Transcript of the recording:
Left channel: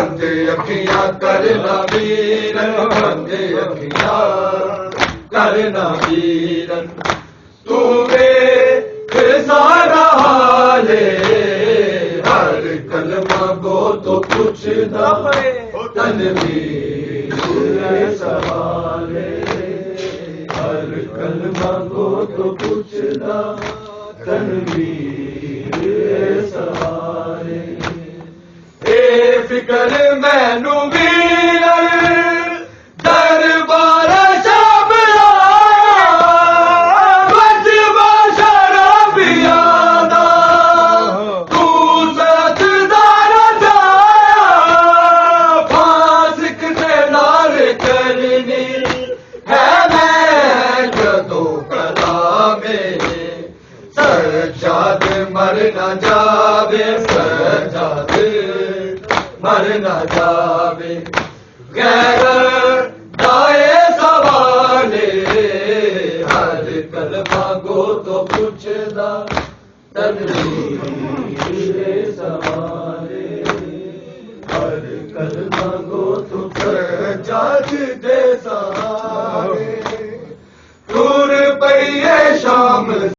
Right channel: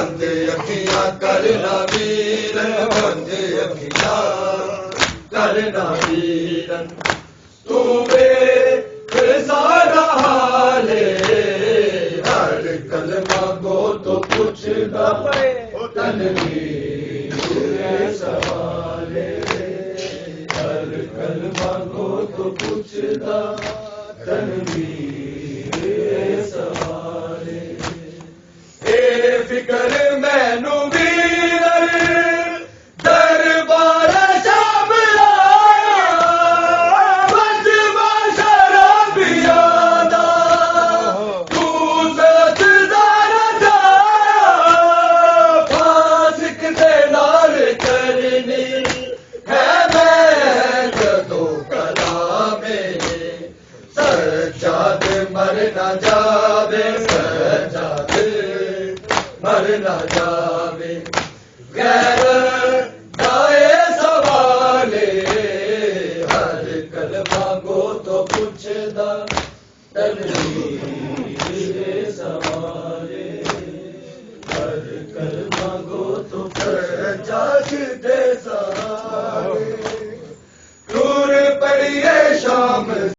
बंद अखियां करना वीरन, बंद अखियां करना वीरन। तू वेख सारा हाले, हर कलमा को तो पुछदा तनवीर सवाले, हर कलमा को तो पुछदा तनवीर सवाले। ए फिकर मैनू वीरन दरबार शाबला, बजवा शराबियां दा, तू सजदा ना जा, फासिक दे नाल चलनी है मैं जदों कलामे। सज्जाद मर ना जावे, सज्जाद मर ना जावे, गैर